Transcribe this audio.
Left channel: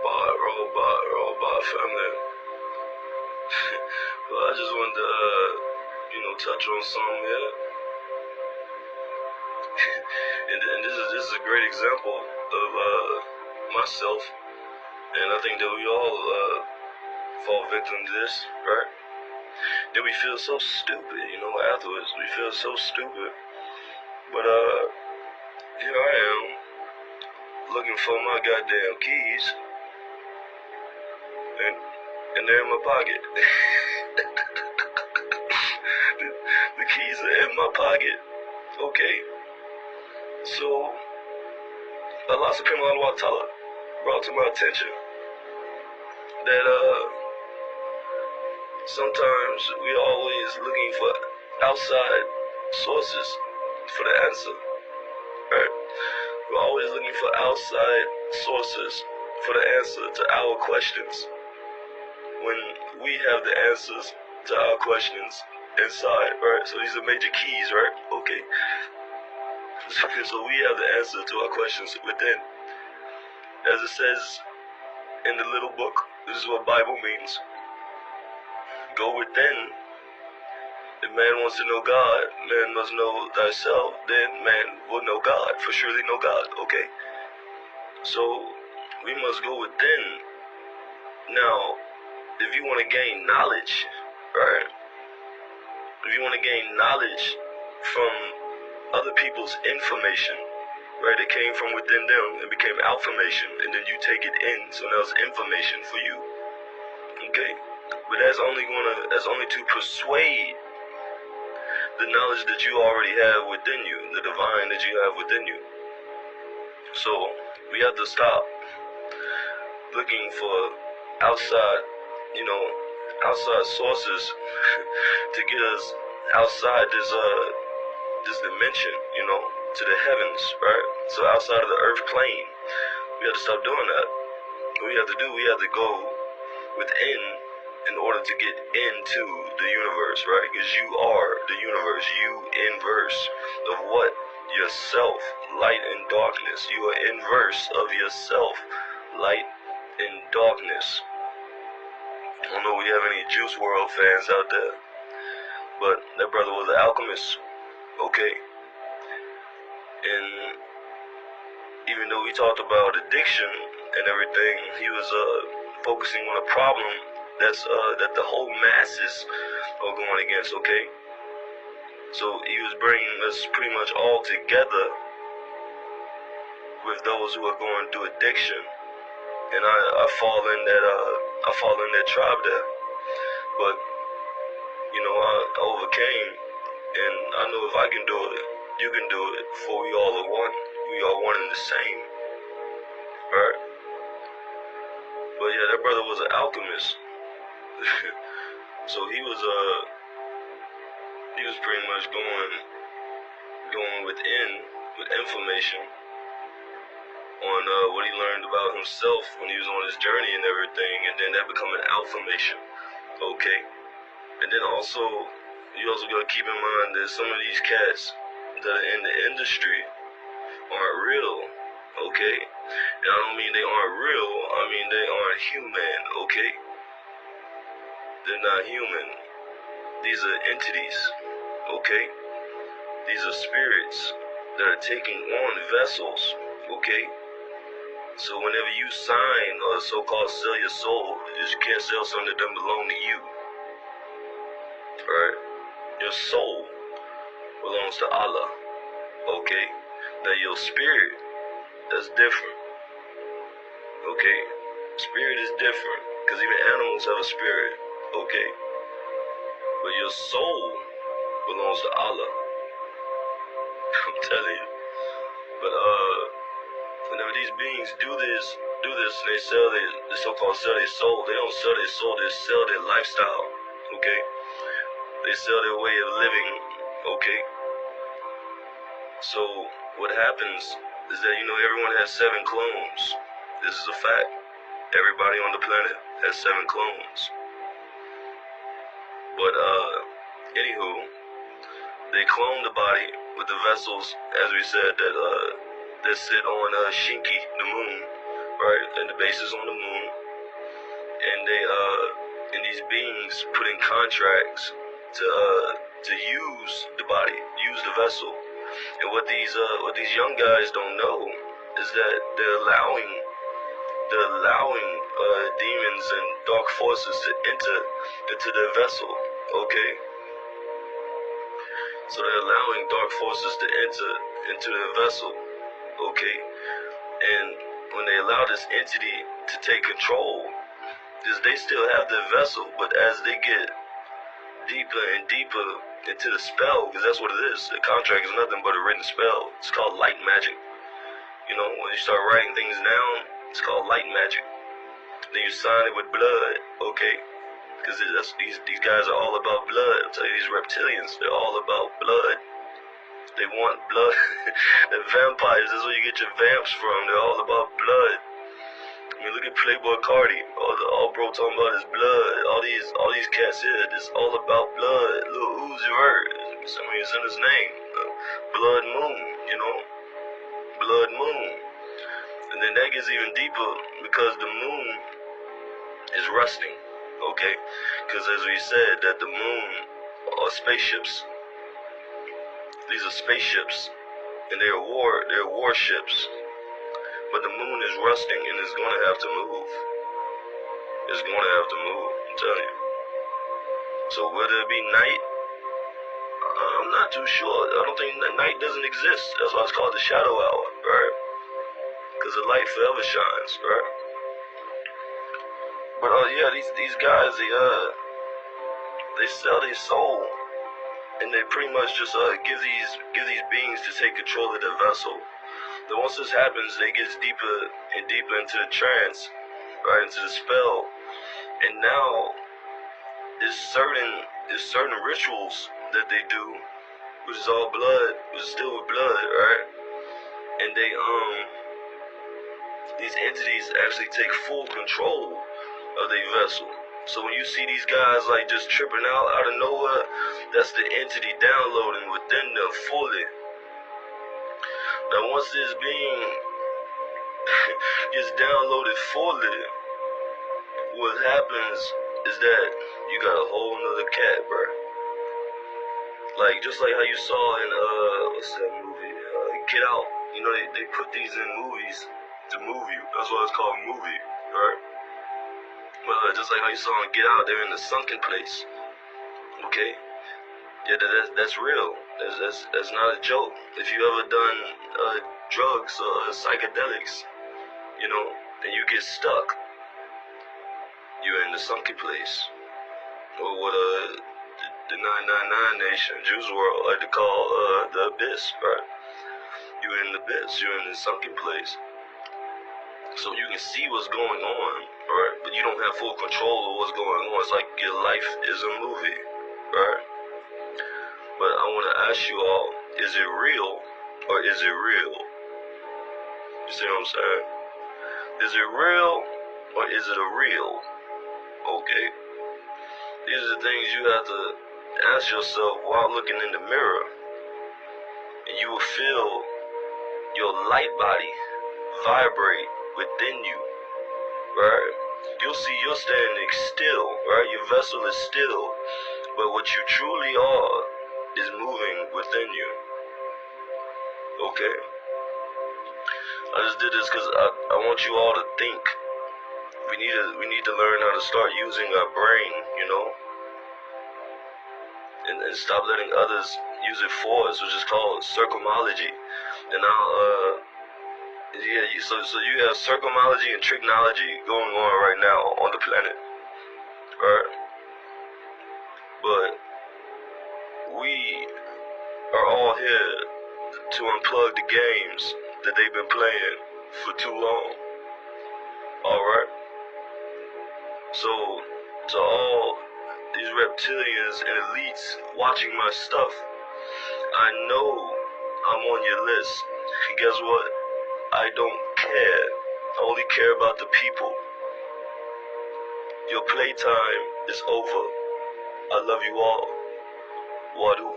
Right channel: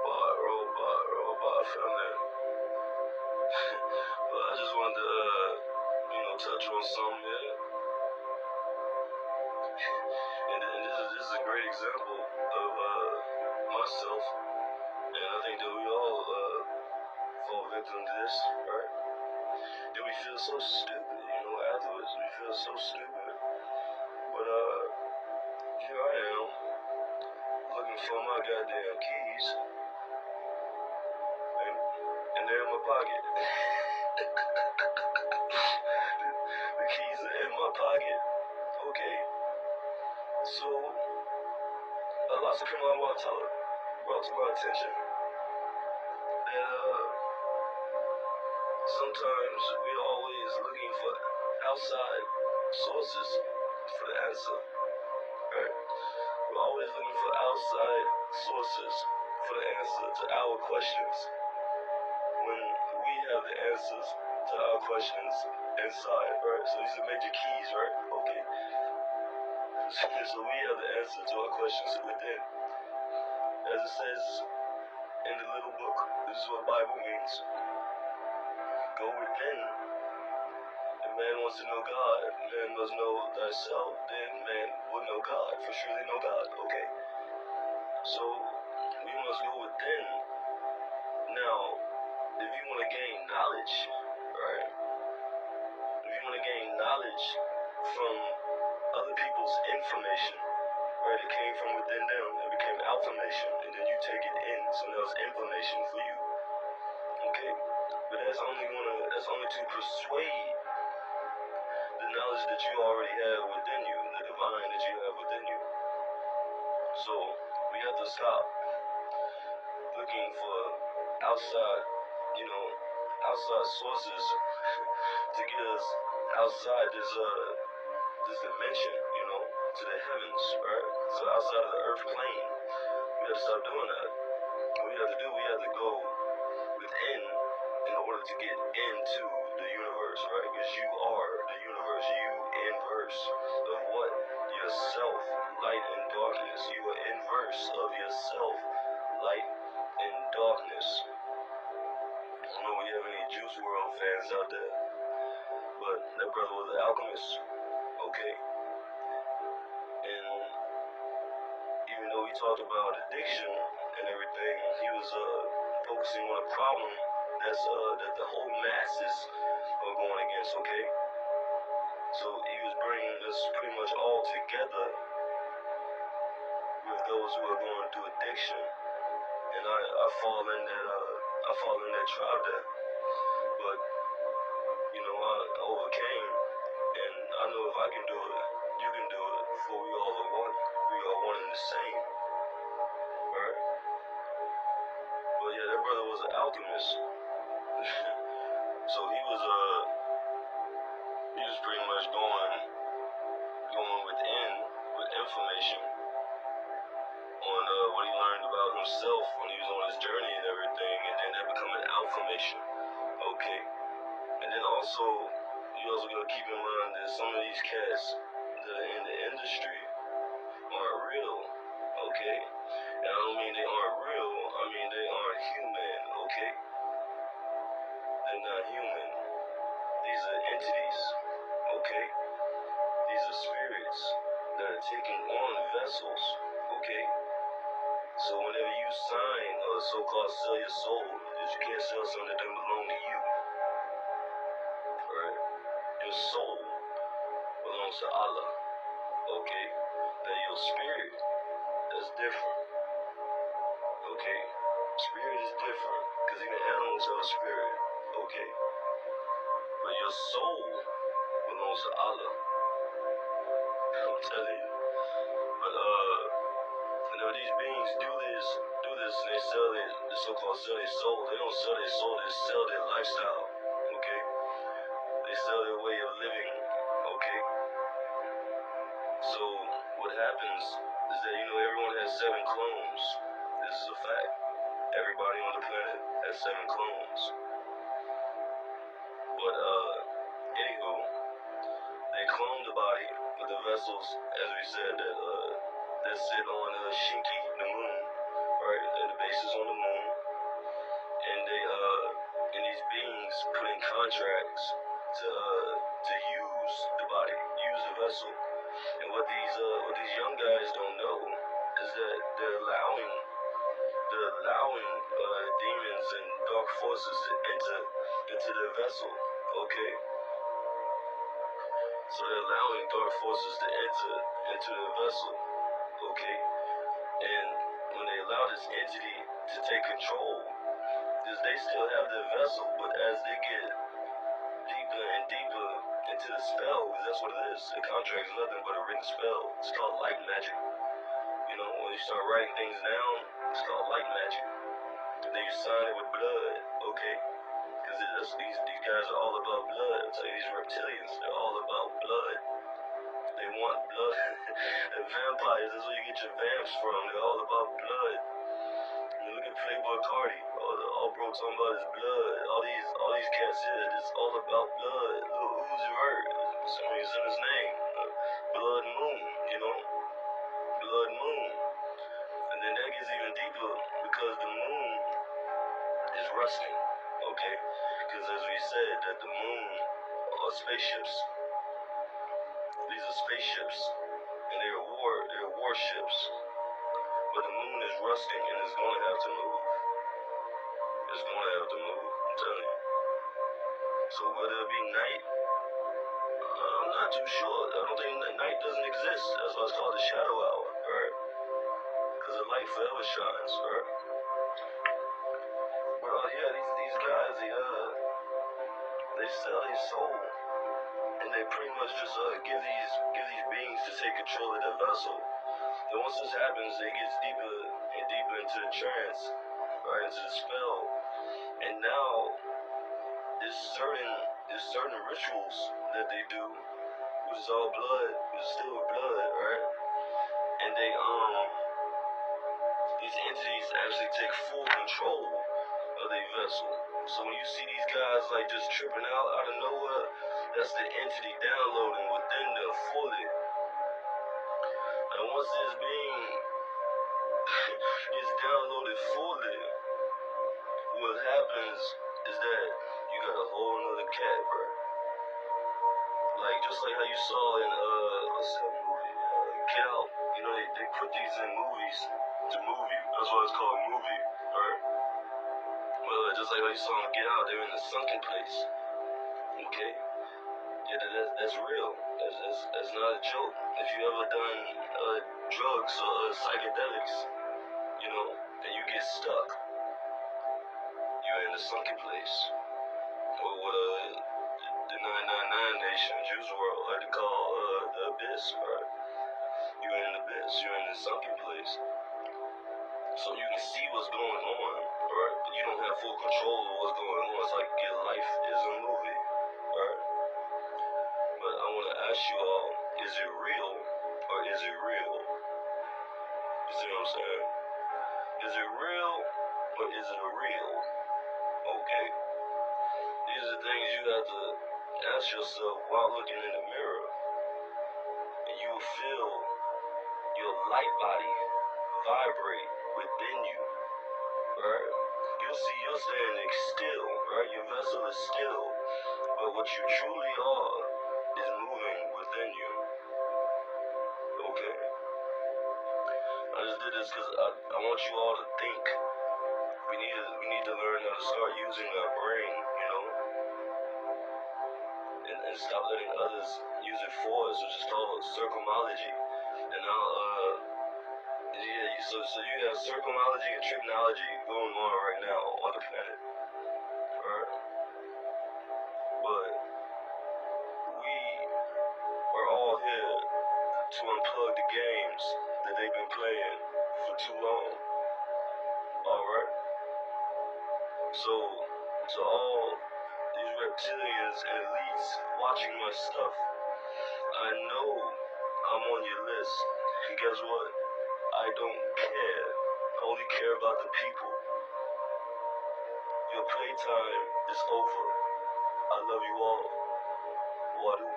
Robot family. Well, I just wanted to, touch on something here. and this is a great example of myself, and I think that we all fall victim to this, right? Then we feel so stupid, afterwards. We feel so stupid. But here I am, looking for my goddamn keys, and they're in my pocket. The keys are in my pocket, okay? So, Allah subhanahu wa ta'ala brought to my attention that sometimes we always looking for outside sources for the answer, right? We're always looking for outside sources for the answer to our questions, when we have the answers to our questions inside, right? So these are major keys, right? Okay. So we have the answer to our questions within. As it says in the little book, this is what Bible means. Go within. If man wants to know God, man must know thyself. Then man will know God, for surely know God, okay? So we must go within. Now, if you want to gain knowledge, right? If you want to gain knowledge from other people's information, right? It came from within them and became information, and then you take it in, so now it's information for you, okay? But that's only to persuade the knowledge that you already have within you, the divine that you have within you. So we have to stop looking for outside, outside sources to get us outside this dimension, to the heavens, right? So outside of the earth plane, we have to stop doing that. What we have to go within in order to get into the universe, right? Because you are the universe. You inverse of what? Yourself, light and darkness. You are inverse of yourself, light and darkness. I don't know if we have any Juice World fans out there, but that brother was an alchemist, okay? And even though we talked about addiction and everything, he was focusing on a problem that the whole masses are going against, okay? So he was bringing us pretty much all together with those who are going through addiction, and I fall in that tribe there. But I overcame, and I know if I can do it, you can do it. For we all are one. We are one and the same, right? But yeah, that brother was an alchemist. So he was pretty much going within with information on what he learned about himself when he was on his journey and everything, and then that become an affirmation, okay? And then you also gotta keep in mind that some of these cats that are in the industry aren't real, okay? And I don't mean they aren't real, I mean they aren't human, okay? They're not human. These are entities, okay? These are spirits that are taking on vessels, okay? So whenever you sign or so-called sell your soul, you can't sell something that doesn't belong to you, right? Your soul belongs to Allah, okay? Now your spirit, that's different, okay? Spirit is different, because even animals have a spirit, okay? But your soul belongs to Allah. I'm telling you. But whenever these beings do this, and they so-called sell their soul, they don't sell their soul, they sell their lifestyle, okay? They sell their way of living, okay? So what happens is that, everyone has 7 clones. This is a fact. Everybody on the planet has 7 clones. But anywho, they clone the body with the vessels, as we said, that sit on Shinki, the moon, right? And the base is on the moon, and and these beings put in contracts to use the body, use the vessel. And what these young guys don't know is that they're allowing demons and dark forces to enter into their vessel. Okay, so they're allowing dark forces to enter into their vessel. Okay, and when they allow this entity to take control, they still have their vessel, but as they get deeper and deeper into the spell, because that's what it is. The contract is nothing but a written spell. It's called light magic. You know, when you start writing things down, it's called light magic. Then you sign it with blood, okay? Because these guys are all about blood. I'm telling you, these reptilians, they're all about blood. They want blood. The vampires, that's where you get your vamps from. They're all about blood. I mean, look at Playboy Cardi. All bro talking about is blood. All these cats here, it's all about blood. Lil Uzi Vert, I mean, it's in his name. Blood Moon, you know? Blood Moon. And then that gets even deeper because the moon is rusting, okay? Because as we said, that the moon are spaceships. These are spaceships, and they're warships. But the moon is rusting, and it's going to have to move. It's going to have to move, I'm telling you. So whether it be night, I'm not too sure. I don't think that night doesn't exist. That's why it's called the shadow hour, right? Because the light forever shines, right? But yeah, these guys, they sell their soul, and they pretty much just give these beings to take control of their vessel. Then once this happens, they get deeper and deeper into the trance, right, into the spell. And now there's certain rituals that they do, which is all blood, which is still with blood, right? And these entities actually take full control of their vessel. So when you see these guys like just tripping out of nowhere, that's the entity downloading within them fully. Now once this being gets downloaded fully, what happens is that you got a whole nother cat, bro. Like just like how you saw in what's that movie? Get Out. You know they put these in movies to move you. That's why it's called movie, right? Well, just like how you saw in Get Out, they're in the sunken place. Okay? Yeah, that's real. That's not a joke. If you ever done drugs or psychedelics, you know, and you get stuck, you're in the sunken place. Or what the 999 Nation, Juice WRLD like to call the abyss, right? You're in the abyss, you're in the sunken place. So you can see what's going on, right? But you don't have full control of what's going on. It's like your life is a movie, right? But I want to ask you all, is it real or is it real? You see what I'm saying? Is it real or is it a real? Okay. These are the things you have to ask yourself while looking in the mirror. And you will feel your light body vibrate within you, right? You'll see you're standing still, right? Your vessel is still, but what you truly are is moving within you. Okay? I just did this because I want you all to think. We need to learn how to start using our brain, you know? And stop letting others use it for us, which is called circumology. And now, yeah, so you have circumology and tricknology going on right now on the planet, right? But we are all here to unplug the games that they've been playing for too long. Alright? So, to all these reptilians and elites watching my stuff, I know I'm on your list. And guess what? I don't care. I only care about the people. Your playtime is over. I love you all. Wadu.